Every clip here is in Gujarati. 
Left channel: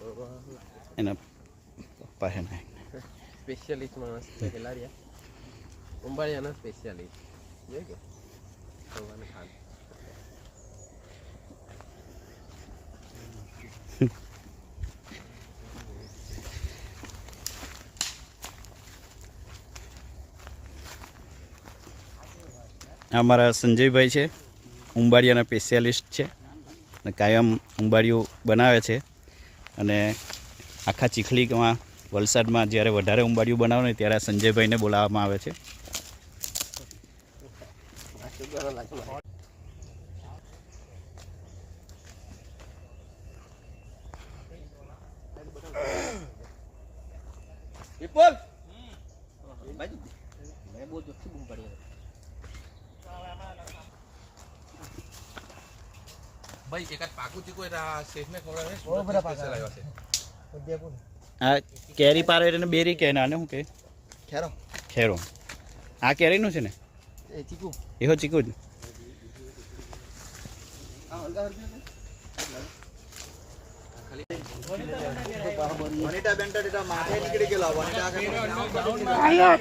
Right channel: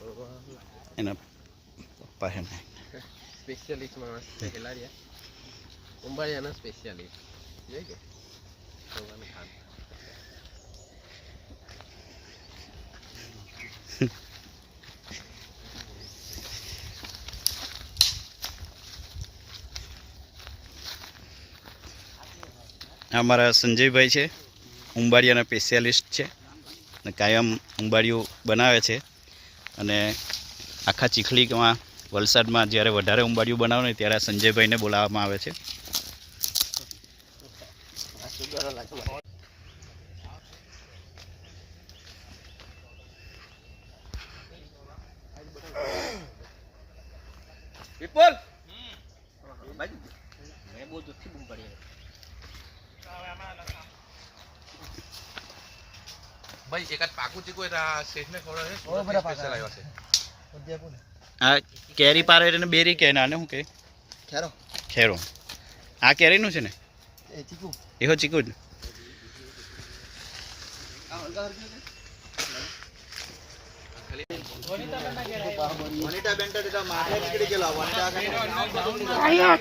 એના પપ્પા છે ને સ્પેશિયાલિસ્ટ માણસ છે ખેલાડીયા ઉંબાડિયાના સ્પેશિયાલિસ્ટ જોઈ કે ભગવાન ખાન અમારા સંજયભાઈ છે ઉંબાડિયાના સ્પેશિયાલિસ્ટ છે અને કાયમ ઉંબાડિયું બનાવે છે અને આખા ચીખલીમાં વલસાડમાં જ્યારે વધારે ઉંબાડિયું બનાવે ને ત્યારે સંજયભાઈને બોલાવવામાં આવે છે. વિપુલ મેં બહુ જોરથી બૂમ પડી ભાઈ એકાદ પાકું ચીકુ એના શેઠને ખવડાવે સ્પેશિયલ આવ્યા છે. આ કેરી પારે ને બેરી કે નાને શું કે ખેરો ખેરો આ કેરીનું છે ને એ ચીકુ એહો ચીકુ જ ને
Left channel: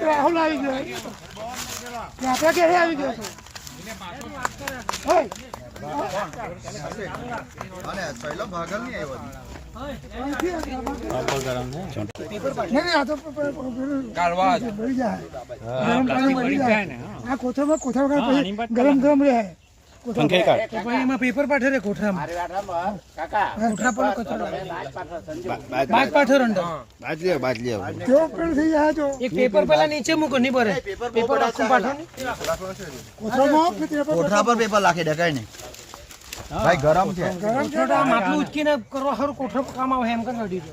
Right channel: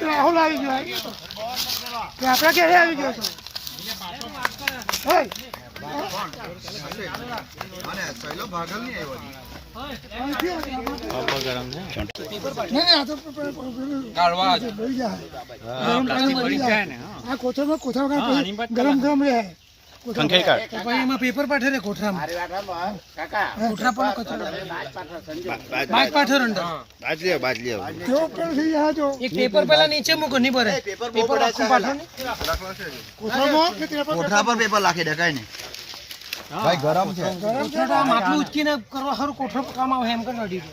રાહુલ આવી ગયો આપડા ક્યારે આવી ગયો આ કોથળમાં કોથળા ગરમ ગરમ રહે એમાં પેપર પાઠે રે કોથળામાં કોથળા પર બાજ પાઠે રંડો એક પેપર પેલા નીચે મૂકો નહીં ભરે પેપર રાખું પાઠો ને કોઠા પર પેપર લાખી દેખાય ને ભાઈ ગરમ છે કોથળા આમ આટલું ઉચકીને કરવા સારું કોથળો કામ આવે એમ કરી રેડી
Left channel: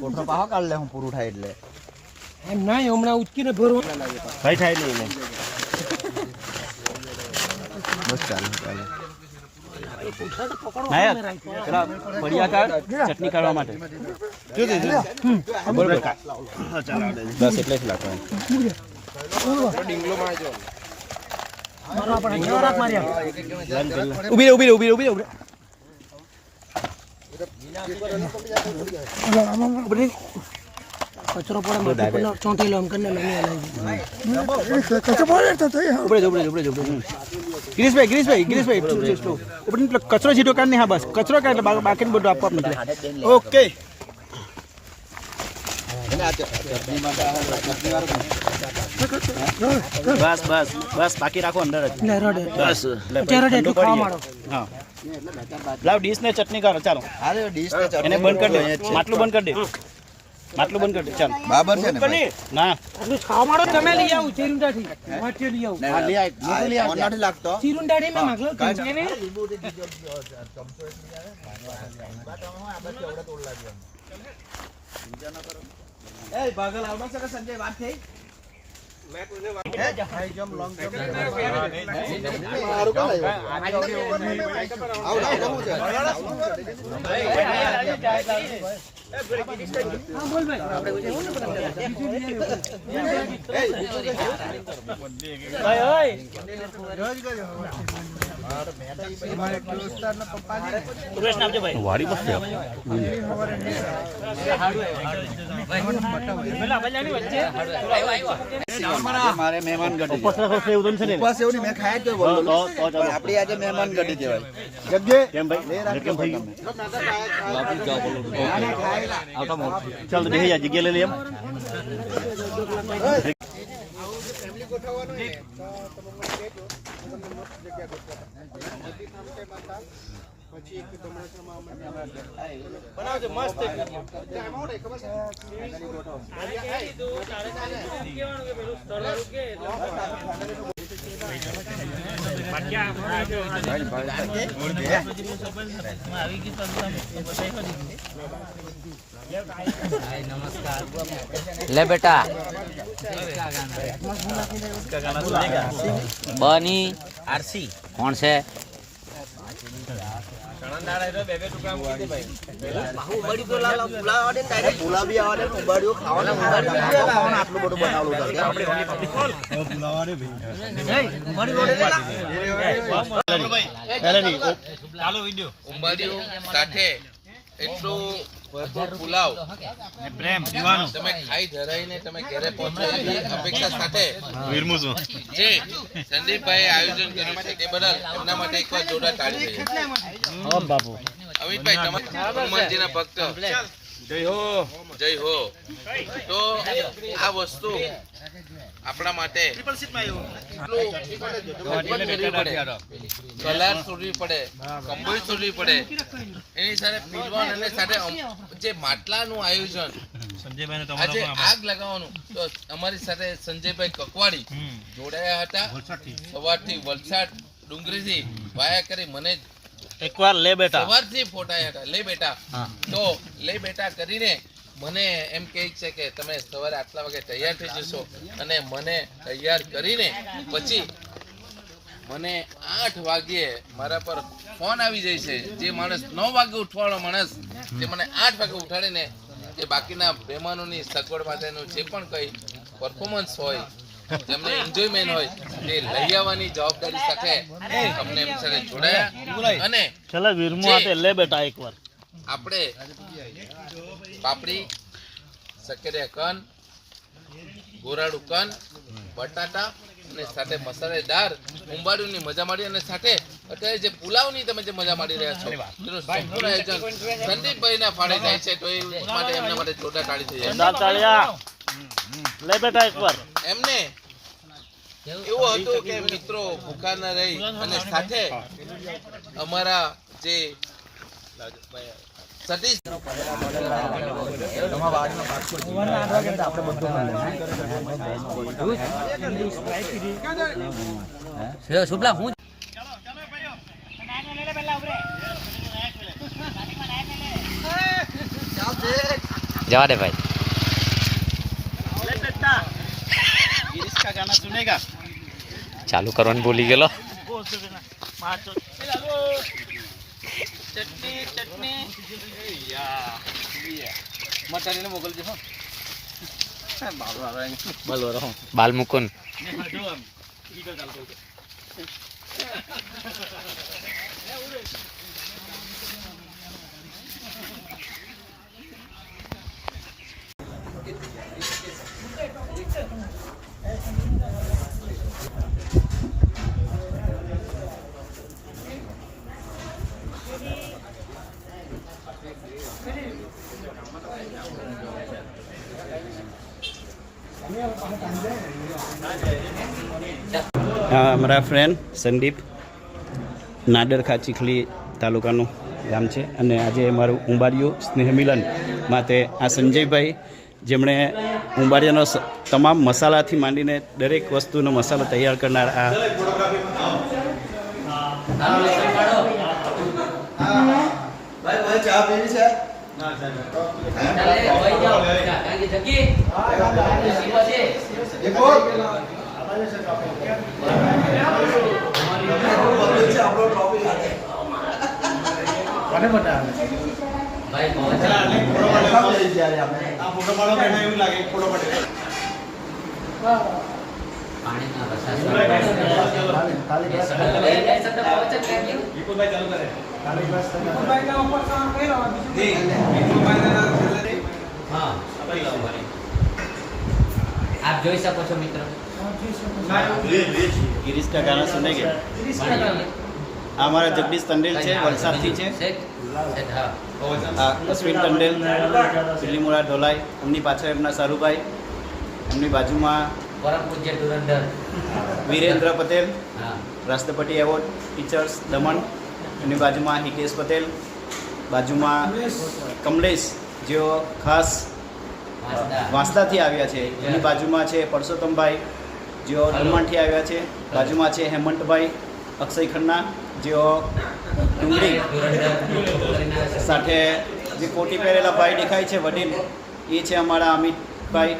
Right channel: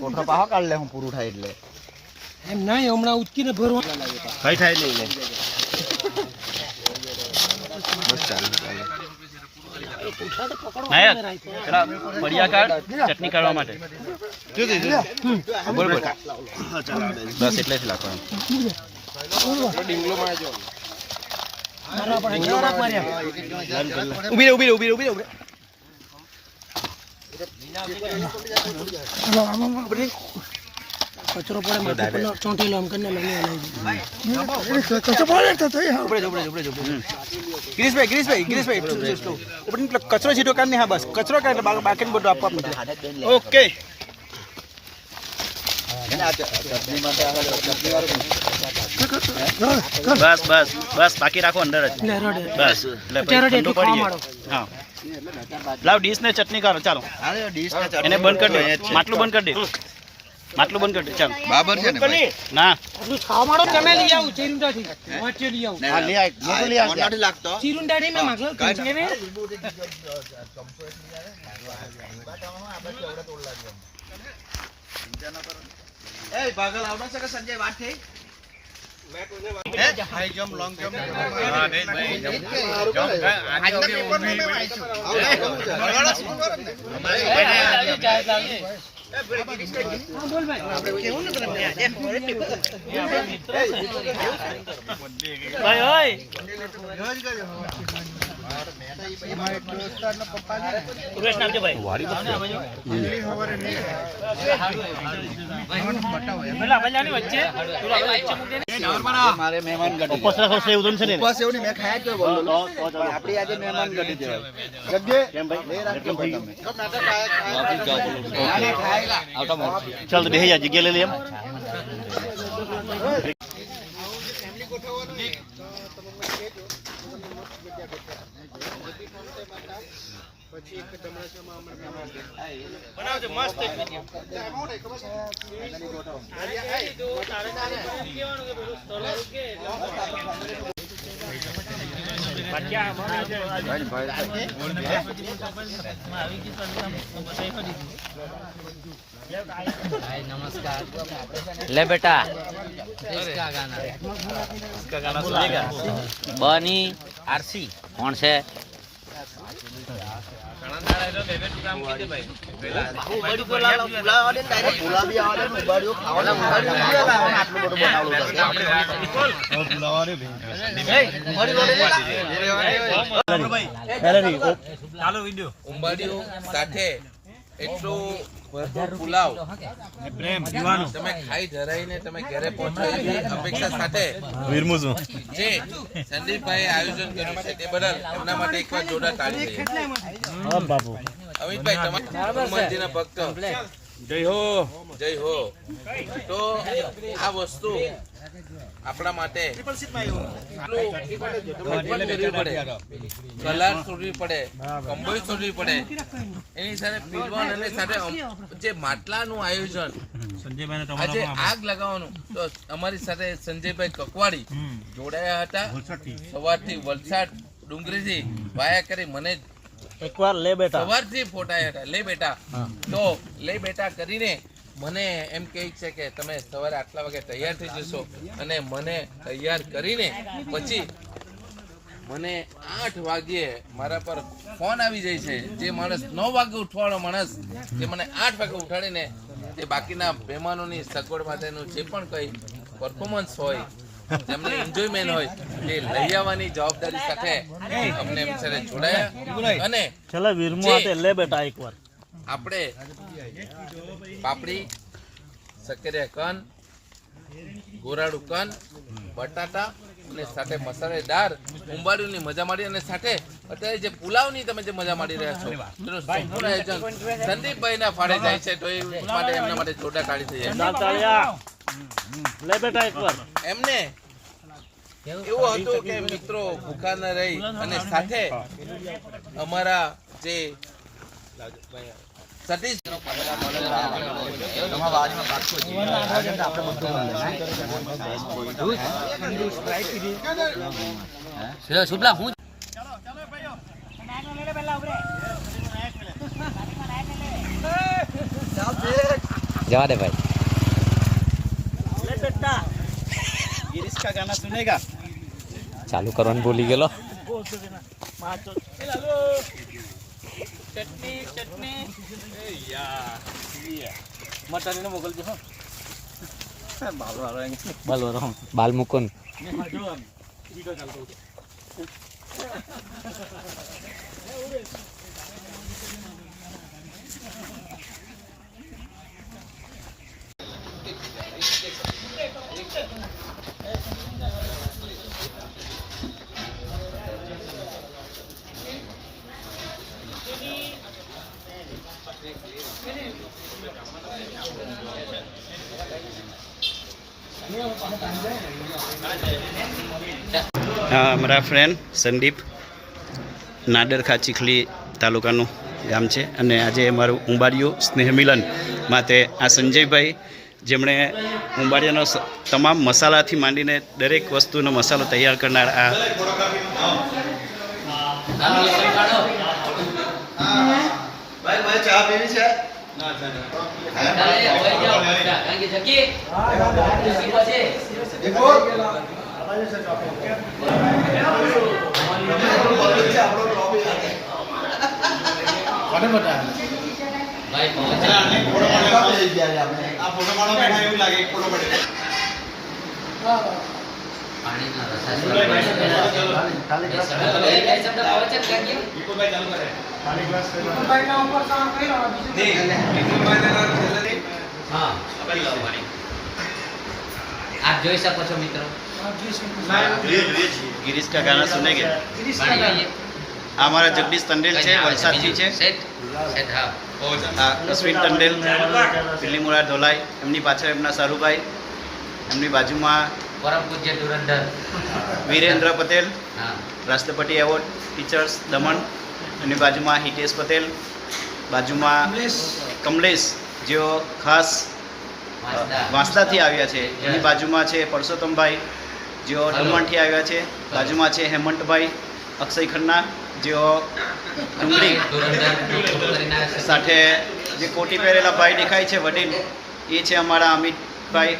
કોઠો પાહો કાઢ લે હું પૂરું થાય એટલે એમ નહીં હમણાં ઉચકીને ભરવા ભાઈ ખાઈ લઉં બસ ચાલુ નાયક પેલા પડિયા કાઢ ચટણી કાઢવા માટે બરોબર બસ એટલે જ લાગવાનું કચરો પડે ચોંટેલો એમ કરીને લઈને કચરો સીધો કાઢ ને હા બસ કચરો કાઢ બાકી બધું આપવા નીકળે ઓકે બસ બસ બસ બાકી રાખો અંદર જ બસ એટલે ઠંડુ પડી હા લાવ ડીશ ને ચટણી કરો ચાલો એને બંધ કરી દે માટલું બંધ કરી દે માટલું બંધ કરી દે ચાલો બરાબર છે ને ના આટલું ખાવા માંડો તમે લઈ આવું ચીરુંડાથી વાંચે લઈ આવું ચીરુંડાથી મેં માગલો ભાગલ આવડે છે કે સંજય વાત થઈ હાઈ જમ્પ લોંગ જમ્પ બોલ ભાઈ મારે મહેમાન ગઢી મેં ખાય તો આપડી આજે મહેમાન ગઢી કહેવાય ગગે કેમ ભાઈ કેમ ભાઈ વાપી જાવ બોલો આવતા મોર ચાલ તો બેહી જા જગ્યા લઈ લે એમ ફેમિલી ગોઠવવાનું પછી એક દમણામાં બનાવજો મસ્ત नमस्कार ले बेटा बनी आरसी कौन से ચાલો વિડિયો ઉંબાડિયું સાથે એટલું ભરપૂર પુલાવ તમે ખાઈ ધરાઈને તમે ઘરે પહોંચો એવી અપેક્ષા સાથે જે સંદીપભાઈ આયોજન કર્યું છે તે બદલ એમના માટે એકવાર જોરદાર તાળી દઈએ. અમિતભાઈ તમારા હનુમાનજીના ભક્ત જય હો. તો આ વસ્તુ આપણા માટે કલાર છોડવી પડે, કંબળી છોડવી પડે, એની સાથે પીડવાન અને સાથે જે માટલાનું આયોજન આજે આગ લગાવવાનું, તો અમારી સાથે સંજયભાઈ કકવાડી જોડાયા હતા. સવારથી વલસાડ ડુંગરીથી વાયા કરી મને એકવાર લે બેટા સવારથી ફોટાયા હતા. લે બેટા, તો લે બેટા કરીને મને એમ કહે છે કે તમે સવારે આટલા વાગે તૈયાર થઈ જશો, અને મને તૈયાર કરીને પછી મને 8 વાગ્યે મારા પર ફોન આવી જાય છે. જે માણસ 9 વાગે ઉઠવાળો માણસ તે મને 8 વાગે ઉઠાડીને જે બાકીના મહેમાનોની સગવડ માટેનું જે પણ કંઈ પરફોર્મન્સ હોય, જેમને એન્જોયમેન્ટ હોય, તે લઈ આવવાની જવાબદારી સાથે અમને એમની સાથે જોડાયા. અને ચલા વીરમો આતે લે બેટા એકવાર આપણે પાપડી, સક્કરિયા કન, ગોરાડું કન, બટાટા અને સાથે મસાલેદાર ઉંબાડિયુંની મજા માડી, અને સાથે અત્યારે જે પુલાવની તમે જે મજા માડી રહ્યા છો તેનું સંપૂર્ણ આયોજન સંદીપભાઈના ફાળે જાય છે. તો એ માટે એમના માટે જોરદાર તાળી થઈ જાય. લે બેટા એકવાર એમને એવું હતું કે મિત્રો ભૂખા ન રહી, અને સાથે અમારા જે સતીશ જવા દે ભાઈ. गिरीश का गाना सुनेगा? ચાલુ કરવાનું ભૂલી ગયેલો. ચટણી ચટણી મટારીને મોકલજો. બાલ મુકુન. અમારા ફ્રેન્ડ સંદીપ નાડરખા ચીખલી તાલુકાનું ગામ છે, અને આજે અમારું ઉંબાડિયું સ્નેહ મિલન માટે આ સંજયભાઈ, જેમણે ઉંબાડિયાનો તમામ મસાલાથી માંડીને દરેક વસ્તુનો મસાલો તૈયાર કરનાર આ ચા પીવી છે? આપ જોઈ શકો છો મિત્રો. गिरीश का गाना सुनेंगे? આ અમારા જગદીશ ટંડેલ છે, વલસાડથી છે. આ અશ્વિન ટંડેલ, દિલ્હીમુરા ધોલાઈ, એમની પાછળ એમના સારુભાઈ, એમની બાજુમાં પરમ પૂજ્ય ધુરંધર વીરેન્દ્ર પટેલ, હા, રાષ્ટ્રપતિ એવોર્ડ ટીચર્સ દમણ, એમની બાજુમાં હિતેશ પટેલ, બાજુમાં કમલેશ જેઓ ખાસ વાંસદાથી આવ્યા છે, એની બાજુમાં છે પરસોત્તમભાઈ જેઓ દમણથી આવ્યા છે, બાજુમાં છે હેમંતભાઈ અક્ષય ખન્ના જેઓ ડુંગળી, સાથે જે કોટી પહેરેલા ભાઈ દેખાય છે વડીલ, એ છે અમારા અમિતભાઈ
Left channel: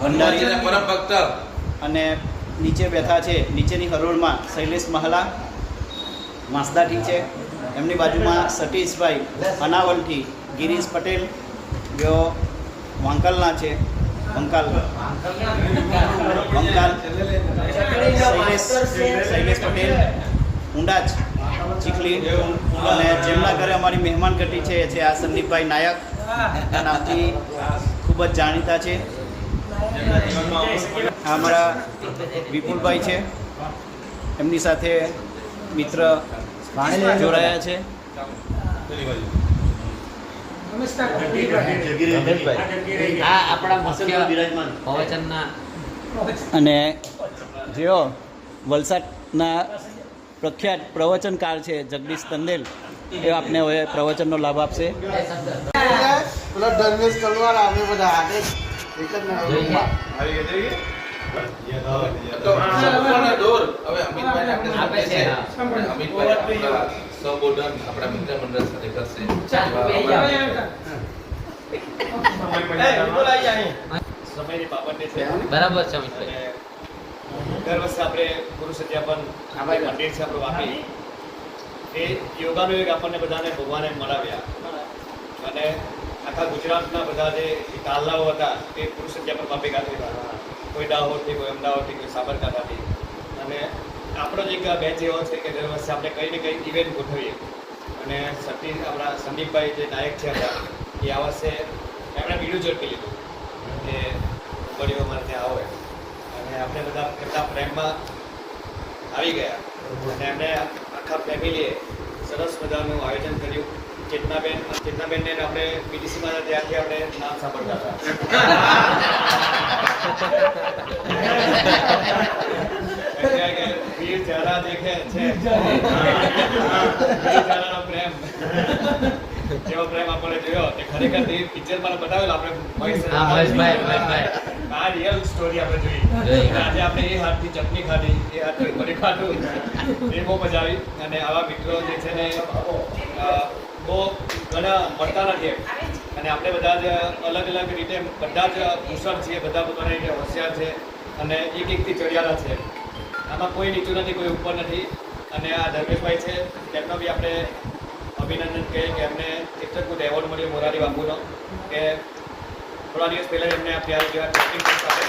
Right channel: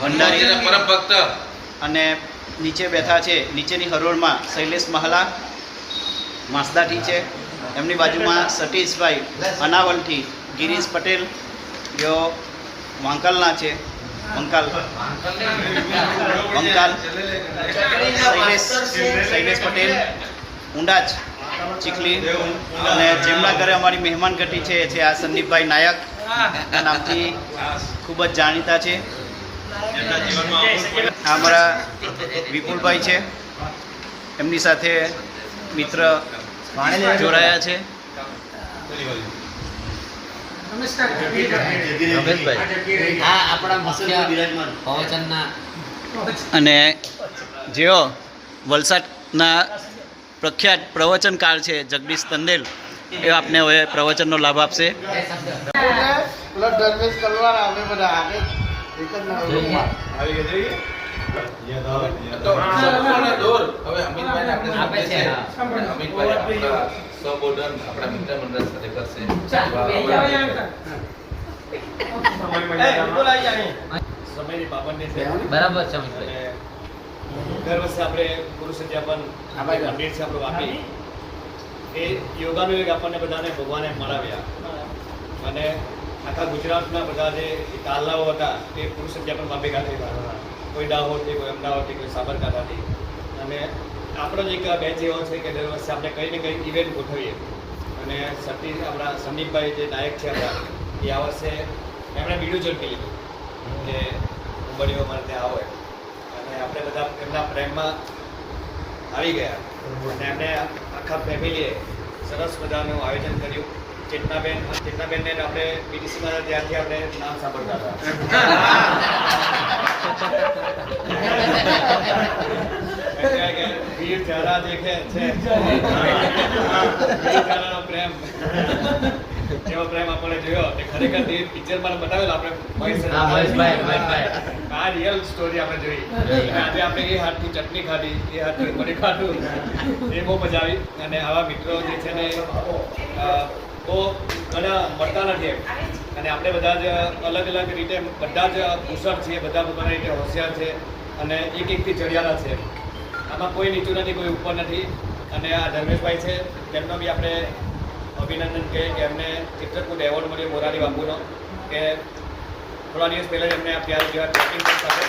ભંડારી, પરમ ભક્ત. અને નીચે બેઠા છે નીચેની હરોળમાં શૈલેષ મહાલા વાંસદાથી છે, એમની બાજુમાં સતીશભાઈ અનાવલથી, ગિરીશ પટેલ જેઓ વાંકલના છે, વંકાલ શૈલેષ પટેલ ઊંડાજ ચીખલી અને જેમના ઘરે અમારી મહેમાન ગતિ છે એ છે આ સંદીપભાઈ નાયક નામથી ખૂબ જ જાણીતા છે. આ અમારા વિપુલભાઈ છે, એમની સાથે મિત્ર જોડાયા છે. આ આપણા મુખ્ય પ્રવચનના અને જેઓ વલસાડના પ્રખ્યાત પ્રવચનકાર છે જગદીશ તંદેલ, એ આપને હવે પ્રવચનનો લાભ આપશે. તો લોકોને દોર હવે અમિતભાઈ આપણે છે. અમિતભાઈ આપણા સબોર્ડર આપણા મિત્ર મંડળ સાથે કરશે. બરાબર છે મિત્ર. દર વર્ષે આપણે ગુરુ સત્યાપન આપણે મંદિર છે આપણું વાપી, એ યોગાનું એક આપણને બધાને ભગવાને મળાવ્યા અને આખા ગુજરાતના બધા જે કાલનાઓ હતા તે ગુરુ સત્યાપન વાપી ખાતે કોઈ દાહોદથી, કોઈ અમદાવાદથી, કોઈ સાબરકાંઠાથી. અને આપણો જ એક બેચ એવો છે કે દર વર્ષે આપણે કંઈ ને કંઈ ઇવેન્ટ ગોઠવીએ. અને આપણા સંદીપભાઈ જે નાયક છે આપણા, એ આ વર્ષે એમણે બીજું ઝડપી લીધું કે ઉંબડીઓ અમારે ત્યાં આવે અને આપણે બધા એમના પ્રેમમાં આવી ગયા. અને એમને આખા ફેમિલીએ સરસ મજાનું આયોજન કર્યું. ચેતનાબેનને આપણે બીટીસી મારા ત્યારથી આપણે નામ સાંભળતા હતા. વીર ચહેરા દેખે છે, વીર ચહેરાનો પ્રેમ, જેવો પ્રેમ આપણે જોયો તે ખરેખર પિક્ચર માં બતાવેલો આપણે આ રિયલ સ્ટોરી આપણે જોઈ. આજે આપણે એ હાથથી ચટણી ખાધી, એ હાથથી પડી ખાધું, એ બહુ મજા આવી. અને આવા મિત્રો જે છે ને બહુ ઘણા મળતા નથી એમ. અને આપણે બધા જ અલગ અલગ રીતે બધા જ કુશળ છીએ, બધા પોતાના રીતે હોશિયાર છે અને એકથી ચડિયાતા છે. આમાં કોઈ નીચું નથી, કોઈ ઉપર નથી. અને આ ધર્મેશભાઈ છે, તેમનો બી આપણે અભિનંદન કે એમને એક જ કોઈ એવોર્ડ મળ્યો મોરારી બાપુનો, કે થોડા દિવસ પહેલાં એમને અત્યારે જેવા ચેમ્પિયનશિપ સાથે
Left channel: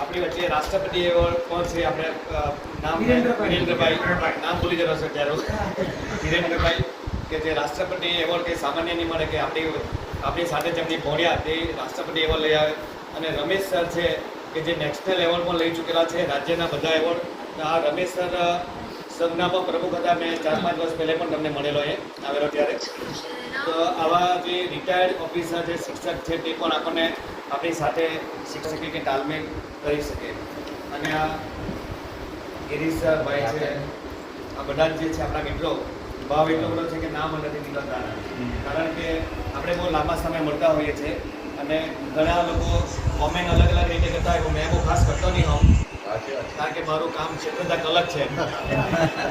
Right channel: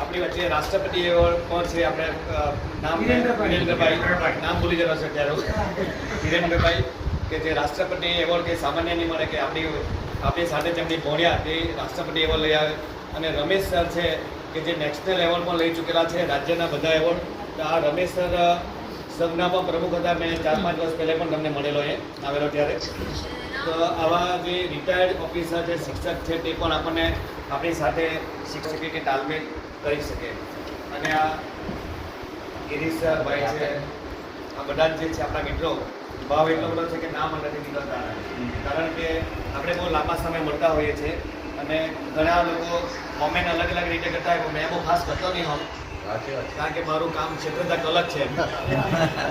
આપણી વચ્ચે રાષ્ટ્રપતિ એવોર્ડ પણ છે. આપણે નામ વિરેન્દ્રભાઈ, નામ ભૂલી ગયો છે ત્યારે, વિરેન્દ્રભાઈ કે જે રાષ્ટ્રપતિ એવોર્ડ કે સામાન્ય નહીં મળે, કે આપણી સાથે જેમની ભોણ્યા તે રાષ્ટ્રપતિ એવોર્ડ લઈ આવે. અને રમેશ સર છે કે જે નેશનલ એવોર્ડ પણ લઈ ચૂકેલા છે, રાજ્યના બધા એવોર્ડ. આ રમેશ સર સંઘના પણ પ્રમુખ હતા. મેં 4-5 વર્ષ પહેલાં પણ તમને મળેલો એ આવેલો ત્યારે. તો આવા જે રિટાયર્ડ ઓફિસર જે શિક્ષક છે તે પણ આપણને આપણી સાથે શિક્ષકની તાલમેલ કરી શકે. અને આ ગિરીશ ભાઈ છે, આ બધા જે છે આપણા મિત્રો, ભાવ એટલો બધો છે કે નામ નથી નીકળતા. કારણ કે આપણે બહુ લાંબા સમય મળતા હોઈએ છીએ અને ઘણા લોકો કોમેન્ટ અલગ અલગ રીતે કરતા હોય. મેં બહુ ખાસ કરતો નહીં હોઉં, કારણ કે મારું કામ ક્ષેત્ર અલગ છે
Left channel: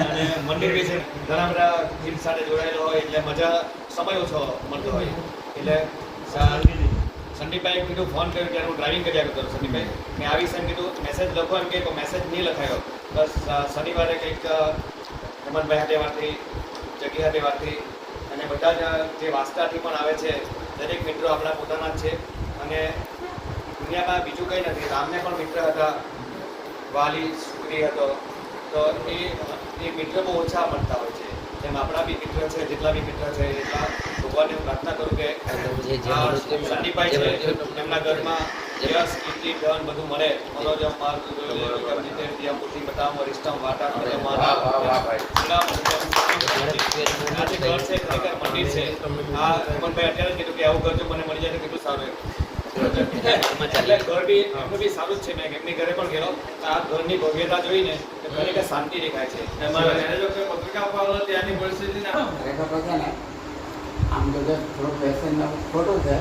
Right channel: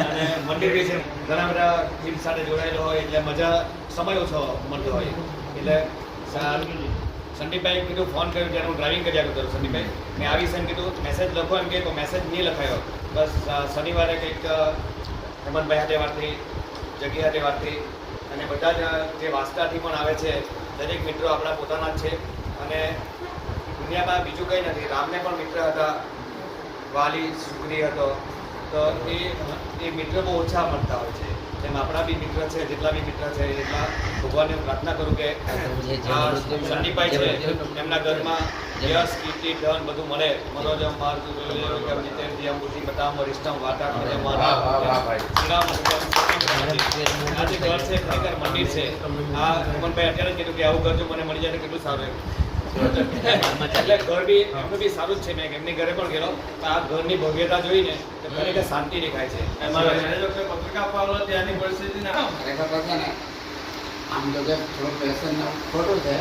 અને મંદિર બી છે, ઘણા બધા ટીમ સાથે જોડાયેલો હોય એટલે મજા સમય ઓછો મળતો હોય. એટલે સંદીપભાઈ કીધું, ફોન કર્યો ત્યારે હું ડ્રાઇવિંગ કર્યા કરું સંદીપભાઈ, મેં આવીશ એમ કીધું. મેસેજ લખો એમ કે મેસેજ નહીં લખાયો. બસ શનિવારે કંઈક હેમંતભાઈ હાથે વાત થઈ, જગ્યા હાથે વાત થઈ. અને બધા જ જે વાસ્તાથી પણ આવે છે દરેક મિત્રો આપણા પોતાના જ છે. અને દુનિયામાં બીજું કંઈ નથી. રામને પણ મિત્ર હતા, વાલી સુગ્રી હતો. તો એ મિત્રો બહુ ઓછા મળતા હોય છે. જેમ આપણા બી મિત્ર છે, જેટલા બી મિત્ર છે એટલા ભગવાનને હું પ્રાર્થના કરું કે સંદીપભાઈ છે એમના ઘરમાં યશ, કીર્તિ, ધન બધું મળે. મનોજમ માર્ગ બુદ્ધિ બતામ વરિષ્ઠમ વાટા આજે ઘર છે ખરેખર મંદિર છે. આ હેમંતભાઈ અત્યારે જ કીધું કે આવું ઘર જો મને મળી જાય તો કેટલું સારું. એટલે ઘર બી એમનું બી સારું જ છે. મેં એમની ઘરે પણ ગયેલો, આ ઘરની ભવ્યતા જોઈને ખરેખર શાંતિ દેખાય છે. આમ તો થોડું પેશન ખોટું છે,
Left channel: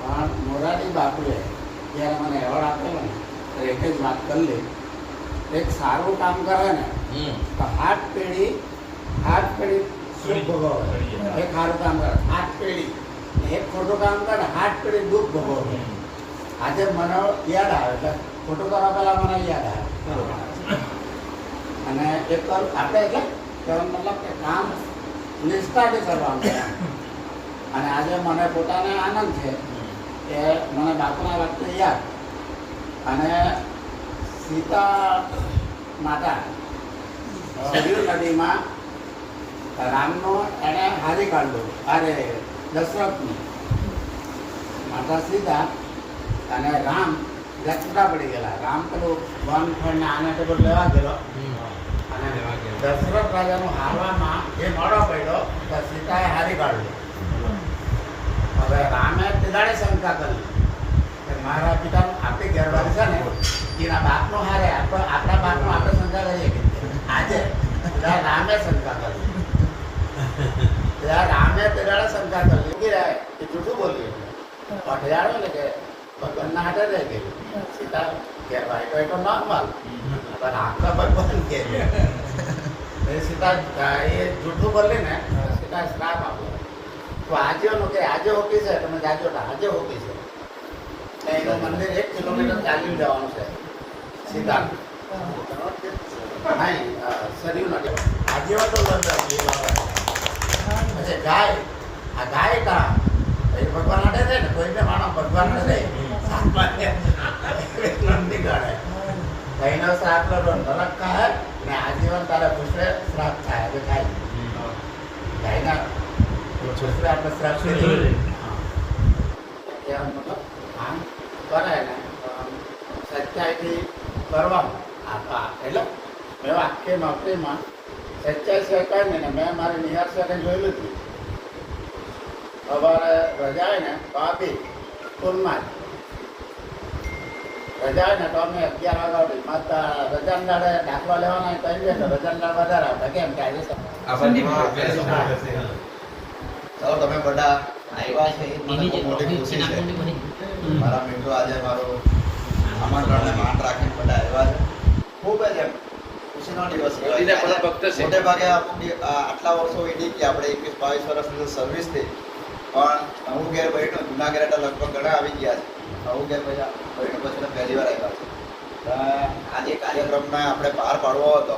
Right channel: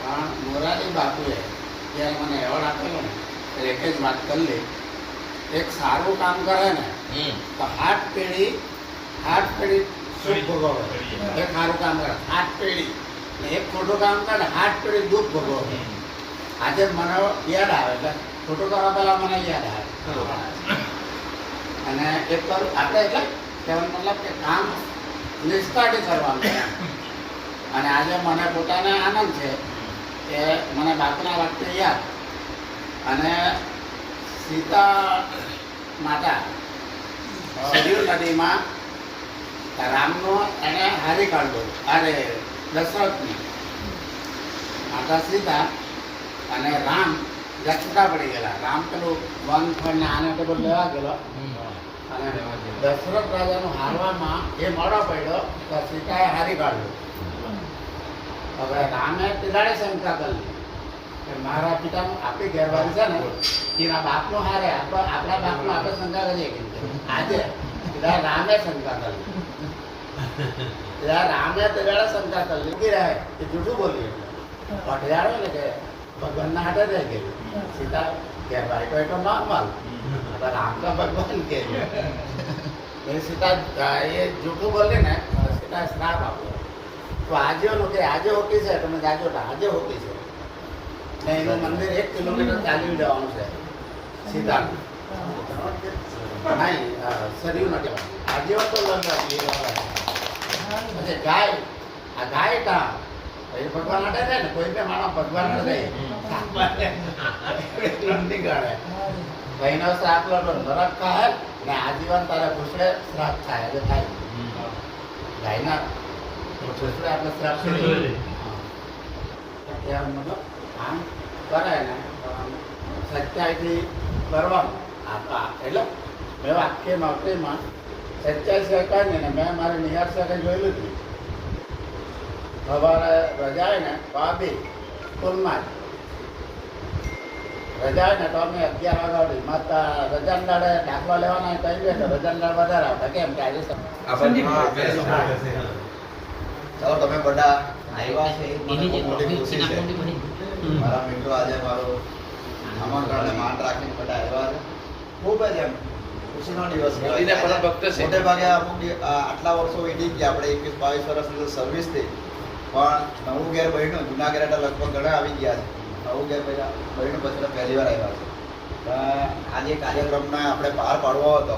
પણ મોરારી બાપુએ જ્યારે મને એવોર્ડ આપેલો ને તો એક જ વાત કરી લે, એક સારું કામ કરે ને તો 8 પેઢી સુખ ભોગવે. એક સારું કામ કરે 8 પેઢી, એક ખોટું કામ કરે 8 પેઢી દુઃખ ભોગવે. આજે મને યાદ આવે એટલે ખોટું કરવા પહેલાં મને યાદ આવે. અને એક આપણે એટલે કહેવાનો મતલબ કે કામ નિષ્ઠાથી કરવાનું છે. અને આજે મને પોતાને આનંદ છે કે મને બાપુના વાક્ય યાદ. અને સીતા માતા સરયુ નદીમાં રામનો એને હારી કાઢ્યો, અરે દશરથની માતા સીતા અને રામ છૂટા પડી ગયેલા. રામ પેલું વન ફળને આને તો બધું લેવા ગયેલો અને દશરથ રાજાનું હારવામાં જે મોડો પડ્યો તો સીતાએ હારી કાઢ્યો. હવે રામે તિલાડે શંકા કરી કે મારા પિતાનું આપણી ઘેરવાળી છે ને એના બાપનો હારે આપણા બાપનો આપણે શંકા કરીએ કે આજે ત્યારે રામે શંકા કરી. ત્યારે રામે તિલાડે શંકા કરી કે એ જૂઠું બોલ્યું પઢિયાળો ને કે ભગવાનના હાથે રહી ગયું. સીતા ઘેરવાળી તો એ તો નોર્મલ, પણ રામ તો ભગવાન કે સીતા એ જૂઠું બોલી ને સીતા શ્રાપ આપ્યો. તો આજે કે આજે હોતી છે તમે જાજો આજે હોતી છે. એનું મંદિર 1 કિલોમીટર ચાલી જવાનું છે સીધા. નહીં સરયુ નથી આજે તો પછી ગાય આ ગાય કા એ ભગવાન અડે રહે ને કોઈ બી માણસ ભગવાન રહે લંબી ગાળે ગાયનો શ્રાપ લો નરક ખાય ને આજીવન તારે પૂછે શ્રાપ થાય એટલે ખાય ગાયના છોકરા આપણે શ્રાપ કરીએ આમ કરાય ને સચ્ચાઈથી કરવાનું એટલે મેં આખી નોકરીમાં સચ્ચાઈ શેકાય ને મેં મારી નિહાર સાથે જોયેલું હતું. સવારે રજા ને તો બી સ્કૂલમાં જ રજા ને તો અમે 11 વાગ્યા સુધી માતા રજાના દાડે દાખલા લેવાના કહી દે તો રજાના દાડ વધારે આવતા કેમ કે આજે તમે બધા આવ્યા છે એ મને બહુ મોટી ખુશી છે. મારા મિત્રો આજે મારું આમંત્રણને માન રાખીને બધા આવ્યા છે. ખૂબ જ એમ ખુશીનો દિવસ મોટે ભાગે આટલા વર્ષો વીતી ગયા આપણે 21-22 વર્ષની સર્વિસથી, પણ નવું ઘેર બહેનો જૂના ઘેર એટલે લગભગ ઘણા આવી ગયા છે. નવું ઘેર બહેનો પછી તો પહેલી વાર આવ્યા છે. આજે કાર્યક્રમને આપણે પાર પાડવો હતો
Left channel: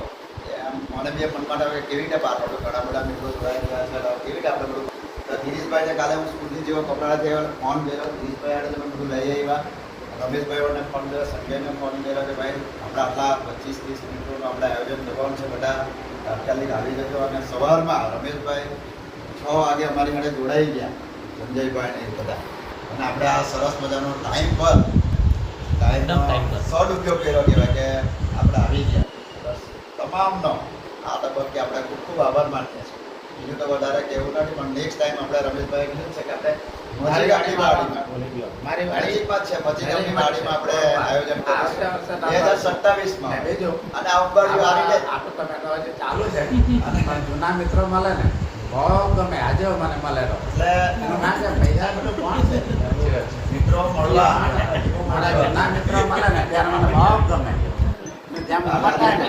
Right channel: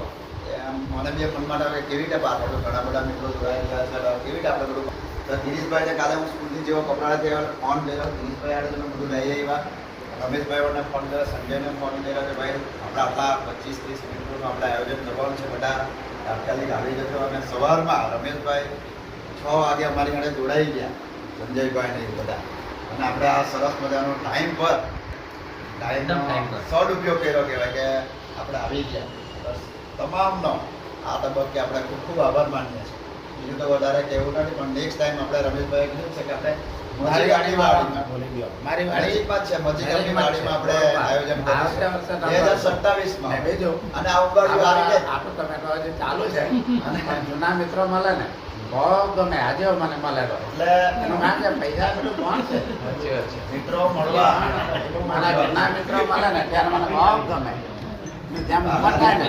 મને બી મનમાં આવે કેવી રીતે પાર પાડવો. ઘણા બધા મિત્રો જોડાઈ ગયા છે કેવી રીતે આપણે બધું. તો દિનેશભાઈને કાલે હું સ્કૂલથી જેવો કપડા થયો ફોન કર્યો દિનેશભાઈ આજે તમે બધું લઈ આવ્યા. રમેશભાઈઓને ફોન કર્યો, સંજયને ફોન કર્યો કે ભાઈ આપણે આટલા 25-30 મિનિટનું આપણે આયોજન કરવાનું છે, બધા તાત્કાલિક આવી જજો. અને સવારમાં રમેશભાઈ 6 વાગે અમારી સાથે જોડાઈ ગયા, સંજયભાઈ ને બધા. અને આપણે આ સરસ મજાનો ટાઈમનો સદુપયોગ કર્યો કહેવાય કે આપણે આવી ગયા. બસ તમામનો આ તબક્કે આપણે ખૂબ ખૂબ આભાર માનીએ છીએ. બીજું તો વધારે કહેવું નથી, પણ નેક્સ્ટ ટાઈમ આપણે રમેશભાઈ કીધું છે કે આપણે મજીગામની વાડીમાં છે મજીગામની વાડીમાં આપણે આયોજન કરીશું 2027માં. અને આ ઉંબાડી આવી જાય ચાલુ છે અને જૂના મિત્રો મળે ને બહુ ગમે. આજે મને મળેલો એટલે ના છે પૈસા બધું કોણ છે મિત્રો મળવા જૂના મિત્રો મળે ને ત્યારે મને બહુ ગમે. જેમ મળતા ને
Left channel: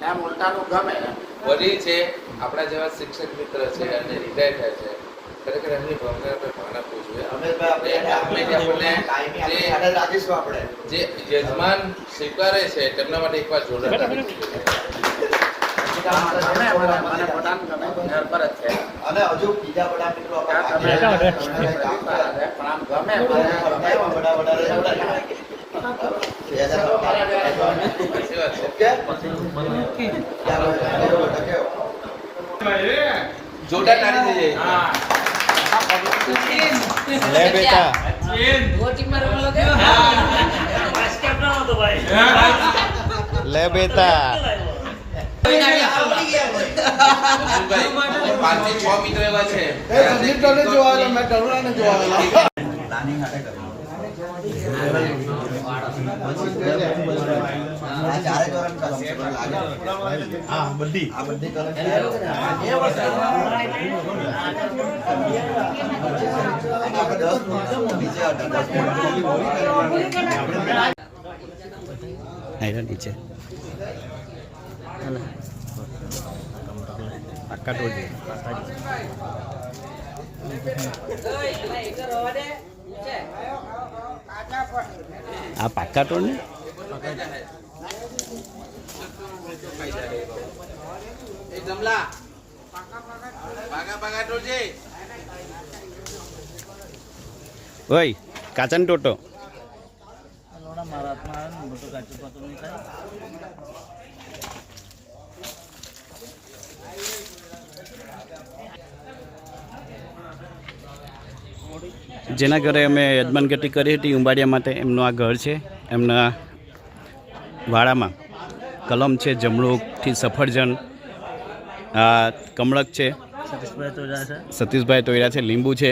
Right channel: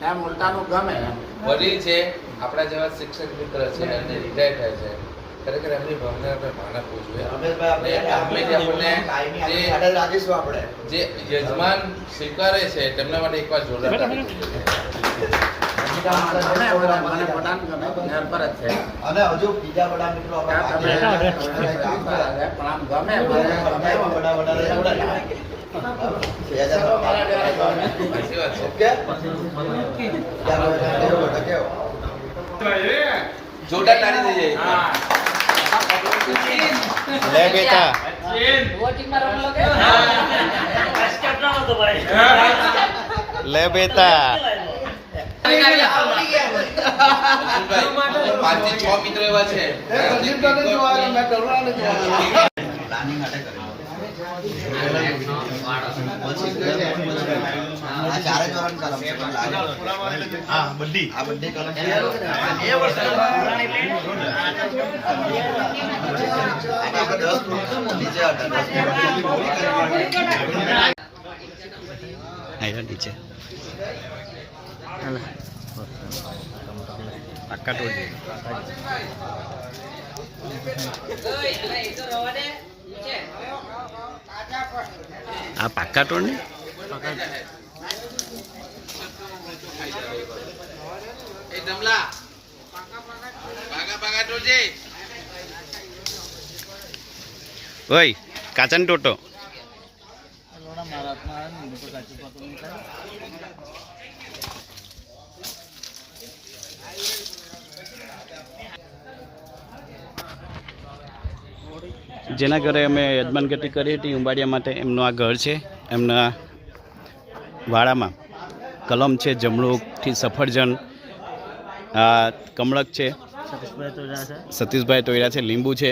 તેમ મળતાનું ગમે. વડીલ છે આપણા જેવા શિક્ષક મિત્ર છે અને રિટાયર થાય છે. ખરેખર એમની ભાવને આપણે માન આપવું જોઈએ. જે યજમાન સ્વીકારે છે તેમના માટે એકવાર જોરદાર અને હજુ બીજા બધા મિત્રો જોરદાર તાળી થઈ જાય. લે બેટા લે બેટા 5-6 મિત્રો એવા છે પ્લાનિંગ માટે કર્યું. બધી કલમ નીચે પાક્કા ટોળ આ પાક્કા ટોળ ને ઓય કાચન ટોટો જેના ઘરે અમે યજમાનગતિ કરી હતી ઉંબાડિયા માટે, એમનું આ ઘર છે. એમના વાડામાં કલમ છે, જમરૂખથી સફરજન, આ કમળક છે, સતીશભાઈ તોયરા છે, લીંબુ છે,